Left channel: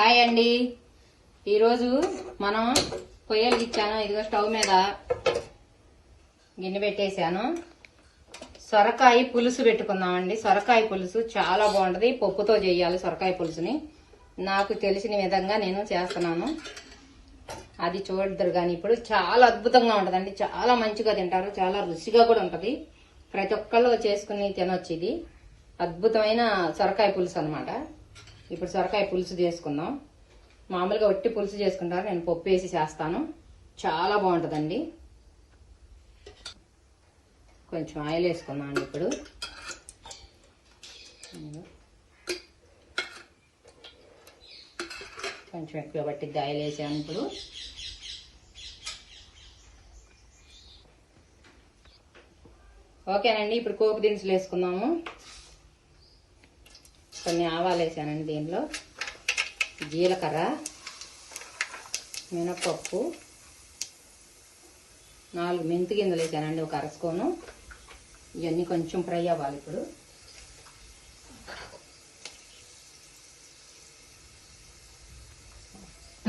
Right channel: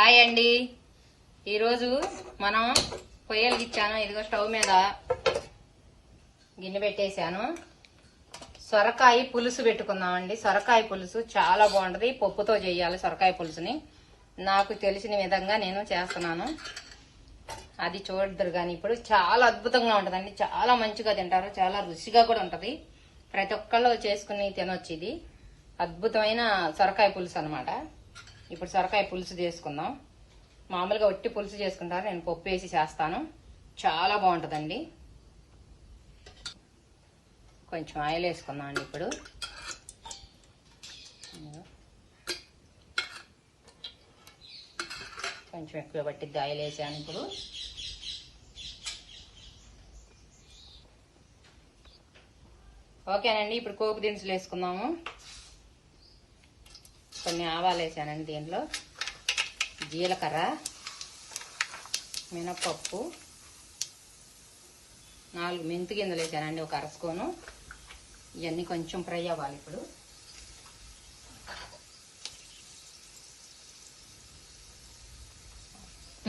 Hi అండి. ఈరోజు మనం పొయ్యలు ఇచ్చాను. ఇదిగో స్టవ్ మీద గిన్నె పెట్టేశాను. సొరకాయ పులుసు పెట్టుకుందామండి. సొరకాయ పులుసు చాలా బాగుంటది. పప్పుతో చేయాలి సొరకాయ పులుసుని. నాకు తెలిసిన విధంగా నేను చేస్తున్నాను. అది చూడదురు కానీ ఇప్పుడు చాలా అద్భుతంగా ఉంటదండి. చాలా మంచిగా తింటారు. చాలా రుచిగా కూడా ఉంటది. ప్రతి ఒక్కళ్ళు చేసుకుని తినొచ్చు. ఇది అద్భుతమైన సొరకాయ పులుసు అన్నమాట. ఇప్పుడు సొరకాయ పులుసు చేసుకుందాం. మామూలుగా ఒట్టి పులుసు చేసుకుంటారు, నేను పప్పు వేసి చేస్తాను. చాలా బాగుంటుందండి. కొంచెం ఆయిల్ వేసుకుందాం ఇప్పుడు. కొంచెం ఎక్కువ పట్టిద్ది ఆయిల్ వేసాను ఇప్పుడు. ఓకేనండి. ఇప్పుడు పోపు దినుసులు వేసుకుందాము. కొన్ని ఆవాలు వేసానండి. దీంట్లో జీలకర్ర, మినపప్పు, 4 మెంతి గింజలు వేసానండి, ఒక అరస్పూను. ఇవన్నీ కొంచెం ఫ్రై అవ్వాలి ఇప్పుడు.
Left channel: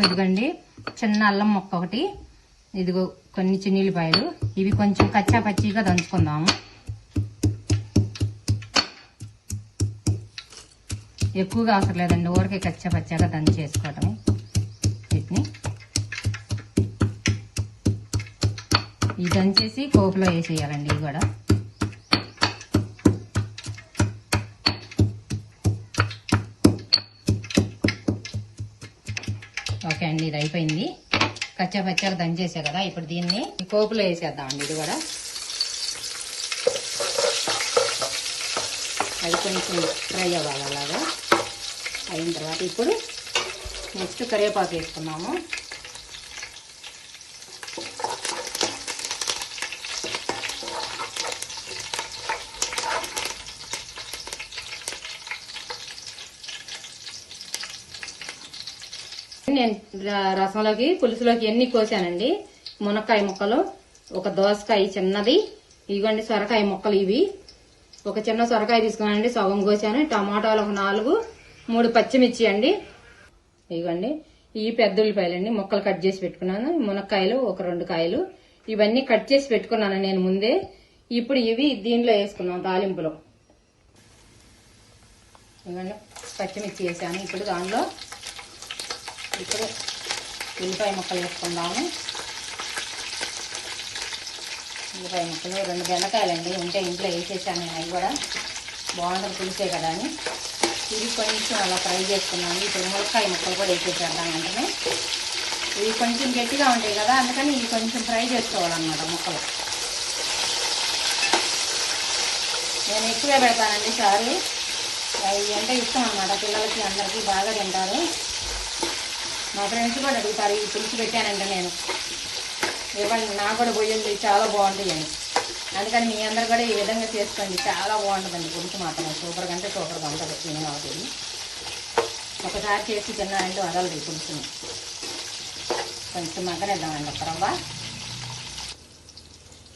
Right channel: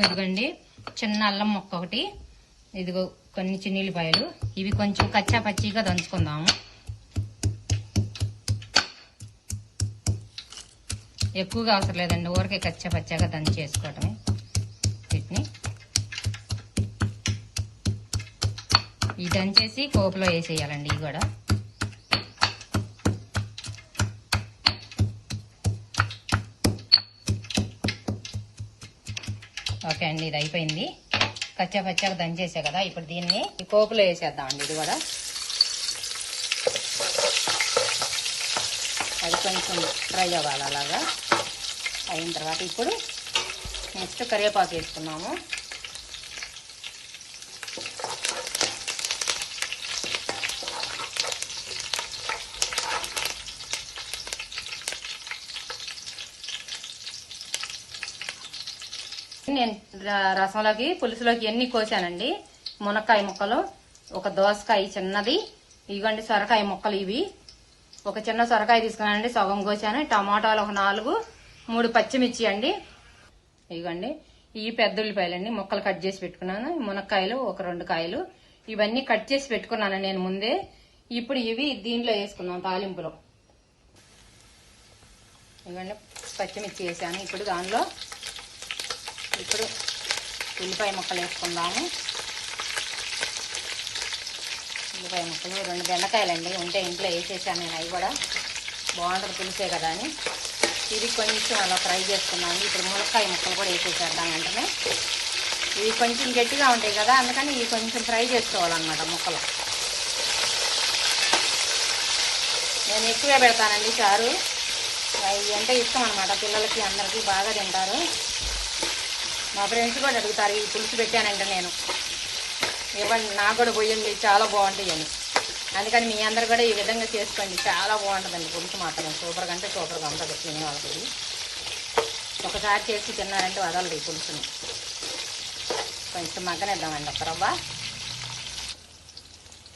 ఇదిగోండి చిన్న అల్లం ముక్క ఒకటి, ఇదిగో కొన్ని చిన్నిల్లిపాయలు. ఇవి కొంచెం కచ్చా పచ్చిగా దంచుకుందాము. ఎక్కువగా అవసరం లేదండి, ఊరికే కచ్చా పచ్చాగా దంచి చేసుకోవటమే. వీటిని ఈ దంచేసి పోపులో వేసేయాలండి. ఇవి కూడా ఓకే అండి. ఇది అయిపోయింది. కచ్చా పచ్చాగా దంచేసా కదా. ఇప్పుడు దీన్ని ఈ పోపులో వేసేద్దామండి. ఇది కూడా అది కొంచెం ఫ్రై అవ్వాలి. అలాగా అయిన తర్వాత ఇప్పుడు నెక్స్ట్ కరివేపాకు వేసుకున్నాము. నేను రసంలోకి పులుసులోకి ఎన్ని కోసానండి. మునక్కాయ ముక్కలు, ఒక దోసకాయ చిన్నది, ఇవ్వండి సొరకాయ ముక్కలు. ఇవి ఒక చిన్న సొరకాయ తీసుకున్నానండి, సగం కోసాను. టమాటాలు ఒక 4, 3 పచ్చిమిర్చి అండి. ఇవ్వండి ఈ పెద్ద ఉల్లిపాయలండి, ముక్కలు కట్ చేసి పెట్టుకున్నాను. మునక్కాయలు ఒక 2 కాయలు, ఇవన్నీ కట్ చేసి పెట్టుకున్నాను నేను ముందే. ఇప్పుడు ఇవి దీంట్లో వేసుకున్నాం తాలింపులో. ఇవ్వండి పచ్చిమిర్చి వేసాను. ఇప్పుడు దానిలో ఇప్పుడు ఉల్లిపాయ ముక్కలు వేసుకుందాము. ఉల్లిపాయ ముక్కలు 2 బెండకాయలండి ఉంటే ఇంట్లో వేసేసాను నేను. అవి కూడా బాగుంటుంది పులిసే కదా అని. ఇది కొంచెం అలా ఫ్రై చేసుకున్నాను. ఇప్పుడు మునక్కాయ ముక్కలు కూడా వేసేసేద్దాం వెంటనే. ఇవి కొంచెం గట్టిగా ఉంటాయి కదా, అందుకని ఇవి కొంచెం ఫ్రై చేసుకోవాలన్నమాట ముక్కలు. నేను ఎక్కువే పెడతానండి చారు. ఇవి అంటే ఇష్టం అనమాట పిల్లలకి, అందరికీ బాగా తింటారు. మా ఫ్రెండ్స్ కూడా అడుగుతారు ఈ పులుసు పెట్టానంటే నేను, ఇవ్వండి నాకు కూడా పోయింది చాలా బాగుంటుంది అని. అందుకని మీ అందరు కూడా ఈ విధంగా చేసుకోండి. చాలా బాగుంటుందండి పులుసు మాత్రం. సూపర్గా అంటే సూపర్గా ఉంటుంది తినే వాళ్ళకి. ఒకసారి చేసి తిన్నారంటే వదలదు ఈ పులుసుని. కొంచెం మగ్గనిద్దామండి ఒక రవ్వ.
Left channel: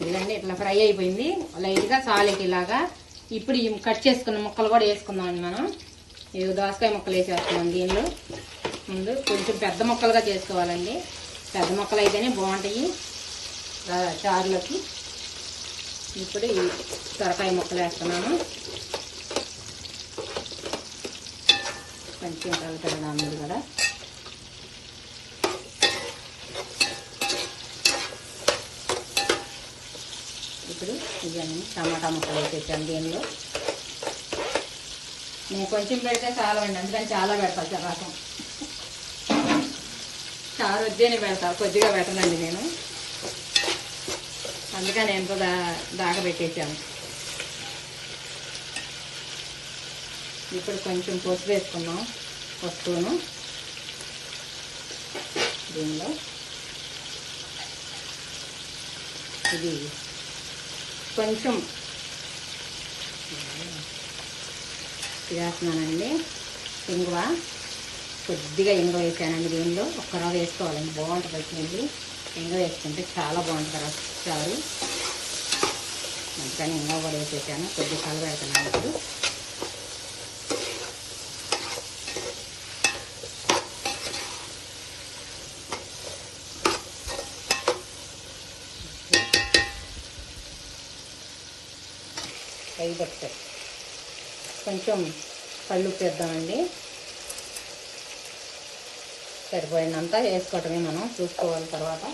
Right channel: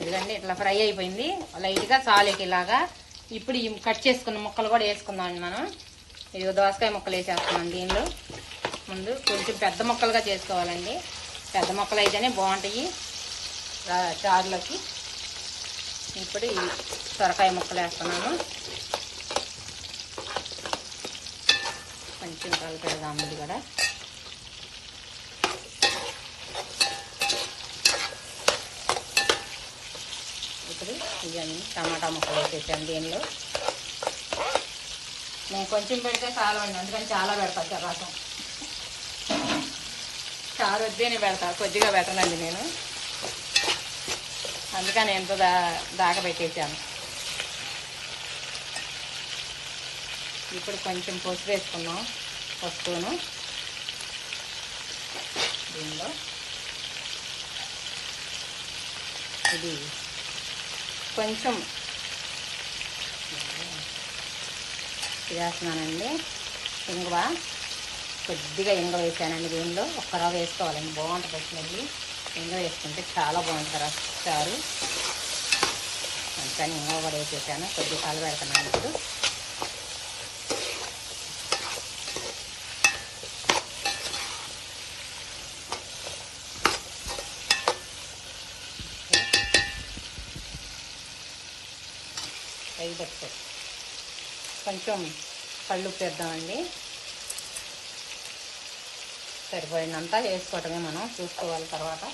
ఇదిగండి ఇట్లా ఫ్రై అయిపోయింది లైట్గా సాలేకి ఇలాగా. ఇప్పుడు ఈ కట్ చేసుకున్న ముక్కలు కూడా వేసుకుందామండి మనం. ఇది దోసకాయ ముక్కలు వేసేస్తున్నాం దీనిలో. ముందు కొంచెం పెద్ద ముక్కలుగా చేసుకోవాలండి. పెద్ద ముక్కలు అయితేనే బాగుంటాయి చారులోకి. ఇప్పుడు ఈ సొరకాయ ముక్కలు వేస్తున్నాము. కొంచెం కలుపుదాము కదా. ఇప్పుడు ఇవన్నీ టమాటా ముక్కలు వేసేసాను దీనిలో. నేను కొంచెం పెడితే చాలా అండి, అందుకని చాలా పెడతాను. చపాతం చారు వద్దేనే పెడతా, కొద్దిగా పెట్టనండి నేను. అందుకని ఎంతో దాకా పెట్టేసాను. ఇప్పుడు కొంచెం పసుపు వేసుకున్నాం, పసుపును దీనిలో. ఇది కొంచెం వేస్తున్నానండి. ఇంగువ కొద్దిగా ఇంగువ వేసానండి దీనిలో. ఒక్క రవ్వ వేసుకోవాలండి, బాగుంటుంది వచ్చింది. ఇంగువ వేసుకుంటే చాలా బాగుంటుంది చారు. అందుకని ఇంగువ కూడా వేసేసాను. కొద్దిగా కలబెడుతున్నాను ఇప్పుడు. పెట్టారు. కొంచెం కళ్ళు వేద్దామండి. సరిపోయినంత వేసుకోవటమే, మనం చూసుకోవాలి తర్వాత.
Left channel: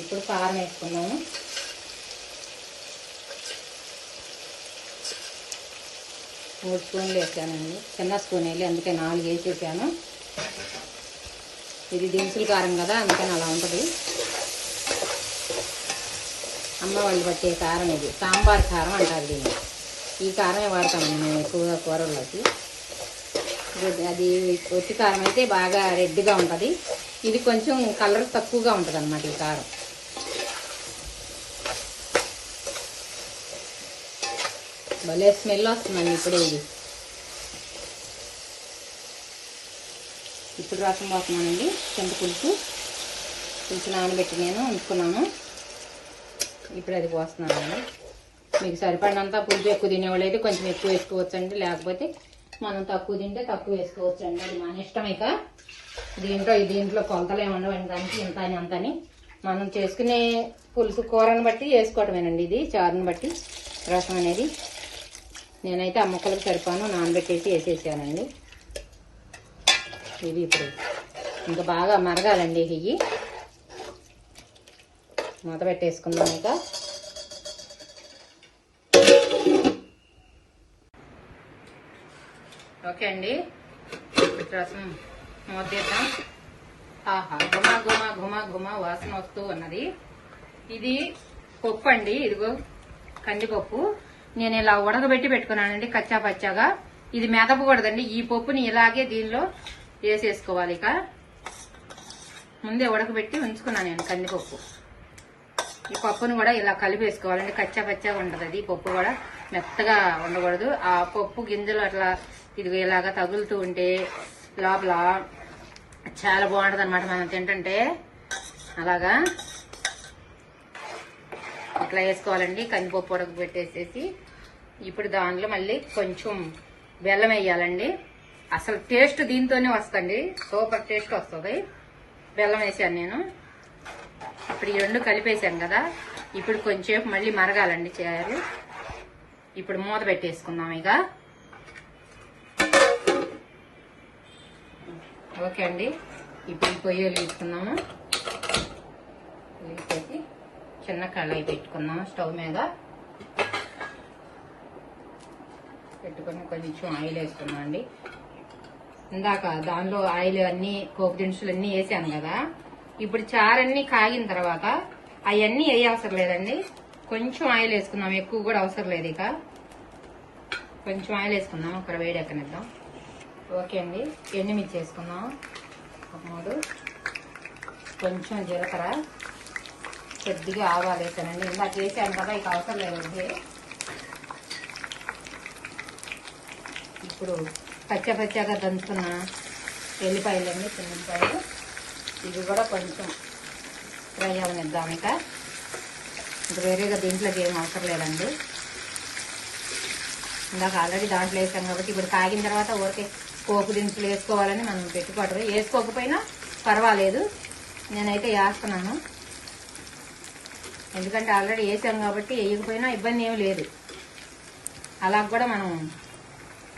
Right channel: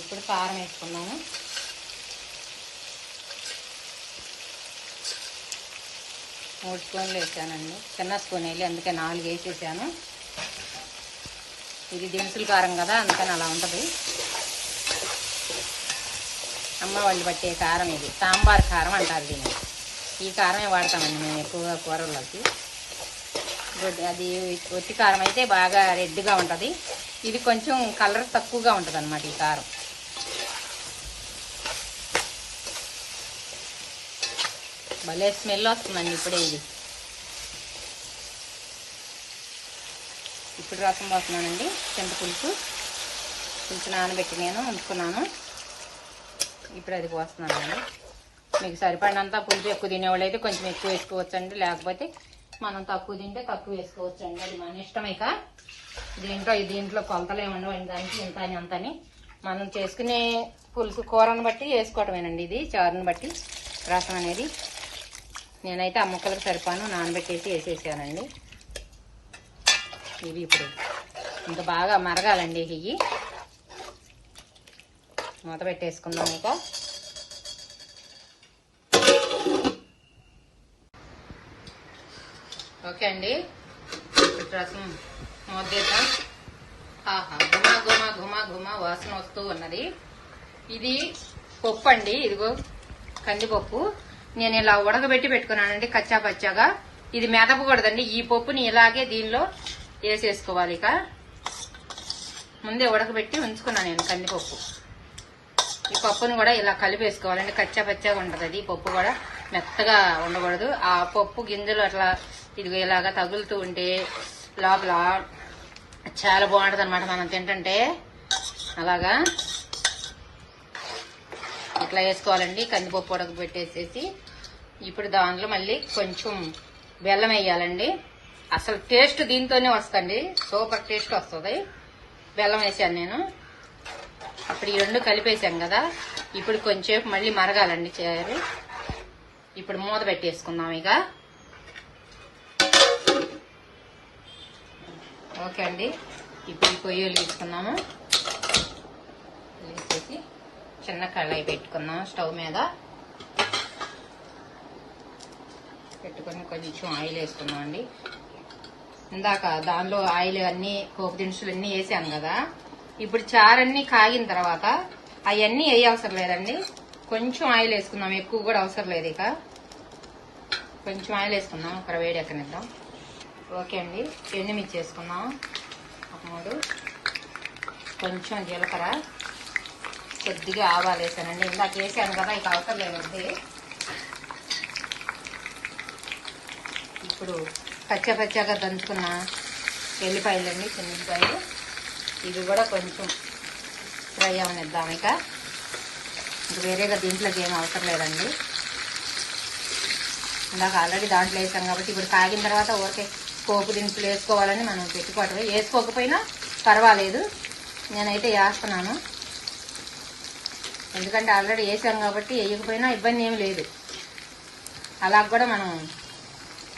ఇప్పుడు కారం వేసుకున్నాము. మూడు స్పూన్లు వేసానండి, చిన్న స్పూన్ వెళ్ళి అందుకే 4 వేసేసాను. ఇది దినుసుల కారం కదా, అందుకని అలా ఉంటుంది. అమ్మ వాళ్ళు పట్టే కారం ఇది, సాంబార్ కారం అంటారు దీన్ని. ఈ కారమే వాడతామండి మేము ఎక్కువగా కూరల్లోకి. అది ఒట్టి కారం అయితే బాగా రెడ్గా ఉంటుంది. ఇది కొంచెం కలర్ తక్కువగా ఉంటుంది అన్నమాట ఈ కారం. భలే స్మెల్ వస్తుందండి ఇప్పుడే ఇది. ఇప్పుడు రసం పోతున్నానండి. చింతపులుసు నానబెట్టి నేను ఉంచుకున్నాను. ఇప్పుడు అది పోస్తున్నానండి. మీకు సరిపడినంత పులుసు ఎక్కువ తినేవాళ్ళు అయితే కొంచెం ఎక్కువ వేసుకోవచ్చండి, లేకపోతే మనం తక్కువ తింటే తక్కువ వేసుకోవచ్చండి. అది మన ఇష్టం. ఇక దీంట్లో కొలతలు ఏమన్నా దానికి ఇంత అని అంతని మనం చేసుకునే పులుసు కూరను బట్టి వేసుకోవటమేనండి. ఇది చారుని బట్టి రసం అనేది. నేనైతే ఆ ముక్కలకు సరిపాను నానబెట్టేసి వేసేసానండి. ఇది ఇప్పుడు ఇంకా బాగా మరగాలండి. ఇవి మూత పెట్టేసుకుందాం. ఇంకా ఓకే అండి, రసం మూతేద్దాం. ఆహా, గుమా గుమా గుమా గుమా వాసన వస్తూ ఉన్నది. ఇది పప్పు అండి, ఇదిగో కందిపప్పు. నేను ఇలా ఉడకబెట్టి పెట్టుకున్నానండి కచ్చా పచ్చాగా. ఇది మెదపకూడదండి. ఈ పప్పుని ఇలాగే దీనిలో వేసేసుకోవాలి. ఇక ముందే ఉడకబెట్టి ఉంచుకున్నాను నేను కందిపప్పు. ఈ పప్పును కూడా ఇలా కలిపేసుకోవాలండి. కచ్చా పచ్చాగా ఉంటుంది అది. పప్పు కూడా మెత్తగా ఉండకూడదు. ఆ పప్పు గింజలు అట్లా ఇదిగో ఇలాగా తగులుతూ ఉంటే లోపల చాలా బాగుంటుంది అనమాట మనం తింటుంటే. అలాగా ఇట్లా వేసుకోవాలండి. కందిపప్పు ఉడకబెట్టేసేసి ఇప్పుడు దానిలో మళ్ళీ కొంచెం బెల్లం వేయాలండి. అసలు టేస్ట్ దీంతోనే వస్తుంది, సూపర్ టేస్ట్ వస్తుంది. బెల్లం వేసాను నేను. ఇప్పుడు ఈ 2 కలిపేసాం కదా, ఇప్పుడు కొంచెంసేపు మళ్ళీ మరగాలండి చారు. ఇప్పుడు మూత పెట్టేసుకుందాం ఇక. ఓకే అండి, ఇప్పుడు పొయ్యి వెలిగించుకున్నాము. వెలిగించేసి చిన్న కళాయి పెట్టుకున్నాము స్టవ్ మీద. పెట్టుకుని కొంచెం ఆయిల్ వేసుకున్నాం అండి. ఇందాక దానిలో ఆయిల్ అన్ని పోపు దినుసులు అన్నీ వేసాను కదా. ఇప్పుడు చారన్నీ కాగిన తర్వాత అవన్నీ వేయవసరం లేదండి. కొంచెం ఆయిల్ వేసుకుందాం, ఎక్కువ కూడా అవసరం లేదు. ఇక కొంచెం ఆయిల్ వేసుకుందాం, ఒక వేడి ఎక్కనిద్దాం. ఓకే అండి, ఎండుమిర్చి వేసుకుందాం ఒక 3, కొంచెం జీలకర్ర, కొద్దిగా ఆవాలు వేసానండి. ఇందాక వేసాను కదా, ఇక అవసరం లేదండి. ఇప్పుడు పచ్చగా దంచుకున్న వెల్లిపాయలండి, చిన్నపాయలు. ఇవి కూడా కొంచెం ఫ్రై అవనిద్దాం. ఇక వేరేగా దీంట్లోకి ఏం అవసరం లేదండి. ఇందాక ఆల్రెడీ దాంట్లో వేసాం కాబట్టి ఇప్పుడు కాగిన తర్వాత ఓకే పోపు దినుసులు వేసుకోవాలని మనం పెట్టుకోవటమే. వేసుకోకపోయినా పర్వాలేదు, నేనైతే వేస్తున్నాను. ఎందుకంటే ఆల్రెడీ వేసాం కాబట్టి వేయకపోయినా ఇబ్బంది ఏమి లేదు. అలా కూడా మనం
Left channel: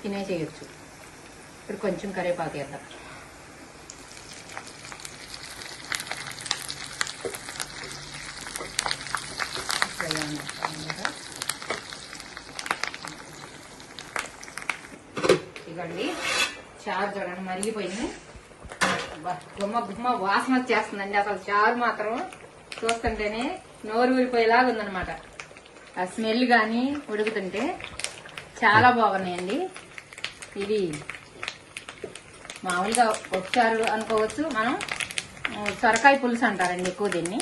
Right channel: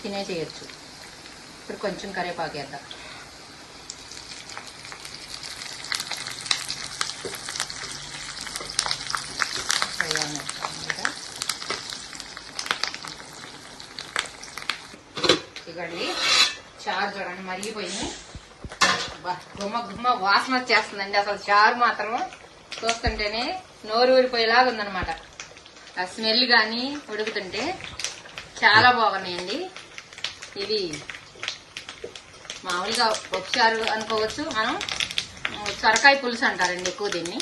తినేసేయచ్చు. ఇప్పుడు కొంచెం కరివేపాకు వేద్దాం. ఇదండి చారు చూడండి మరిగిపోయింది. గుమ్మ గుమ్మ వాసన వచ్చేస్తుందండి. అసలు చారు మాత్రం చూస్తుంటేనే నోరు ఊరిపోయేలాగా ఉందనమాట. ఆ స్మెల్ కానీ ఉడుకుతుంటే చాలా బాగున్నాయండి. ఇది మామూలుగా ఒకసారి అనుకోవచ్చు, మనం సొరకాయ పులుసు అంటారండి ఎక్కువ దీన్ని.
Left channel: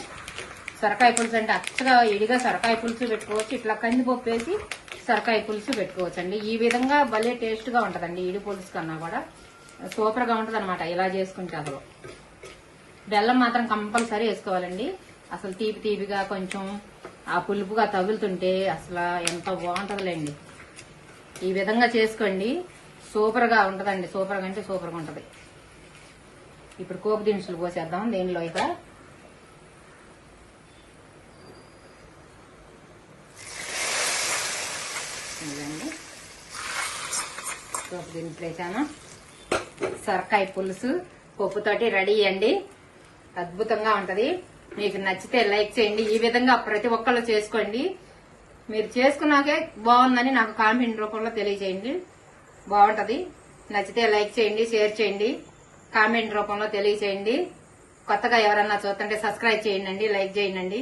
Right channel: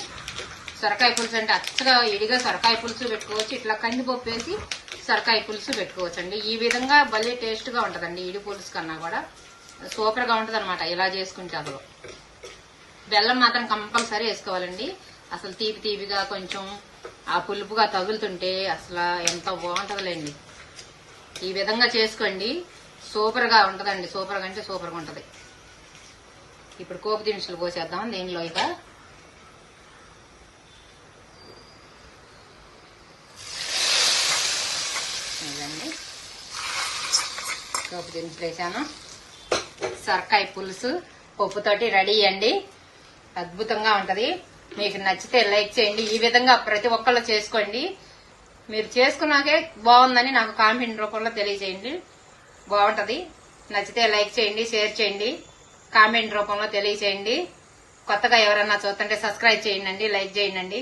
సొరకాయ పులుసు అంటే అచ్చగా ఇడిగా సొరకాయ పులుసు పెట్టుకోవచ్చు, ఇట్లా కందిపప్పు వేసి సొరకాయ పులుసు పెట్టుకోవచ్చు అండి. ఈ విధంగా భలే టేస్ట్గా ఉంటుందండి. ఇడి పులుసు కన్నా కూడా సూపర్గా ఉంటుంది అనమాట ఇలా చేసుకుంటే. అసలు బెల్లం మాత్రం కంపల్సరీ వేసుకోవాలండి. అసలు తీపిగా కొంచెం ఆ పులుపుగా తగులుతుంటే అసలు ఎంత బాగుంటుందిలేండి. ఈ విధంగా చేసుకోండి, సూపర్గా ఉంటుందండి. సూపర్గా అంటే సూపర్గా ఉంటుంది. ఇప్పుడు పోపు దినుసులు పోసేద్దాం దీనిలో. ఇక పోపు దినుసులు వేసాను. సొరకాయ పులుసు పప్పుతోటి రెడీ అండి. అద్భుతంగా ఉంటది. మీకు నచ్చితే లైక్ చేయండి. ఈ విధంగా ప్రతి ఒక్కళ్ళు చేసుకోండి. మీరు చేసుకున్నాకే బాగుందని నాకు కామెంట్ రూపంలో తెలియజేయండి. బాగుంటది. నచ్చితే లైక్ చేయండి, షేర్ చేయండి, కామెంట్ రూపంలో తెలియజేయండి. కొత్తగా ఎవరన్నా చూస్తుంటే సబ్స్క్రైబ్ చేయండి, లైక్ చేయండి.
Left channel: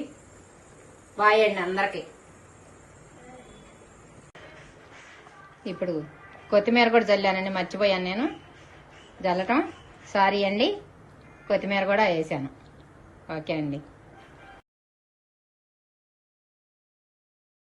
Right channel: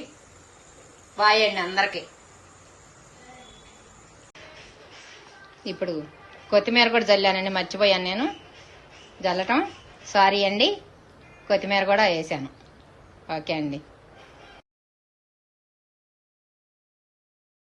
బాయ్ అండి అందరికి. ఇప్పుడు కొత్తిమీర కూడా జల్లానండి, మర్చిపోయాను నేను జల్లటం. సారీ అండి. కొత్తిమీర కూడా వేసాను. ఓకే అండి.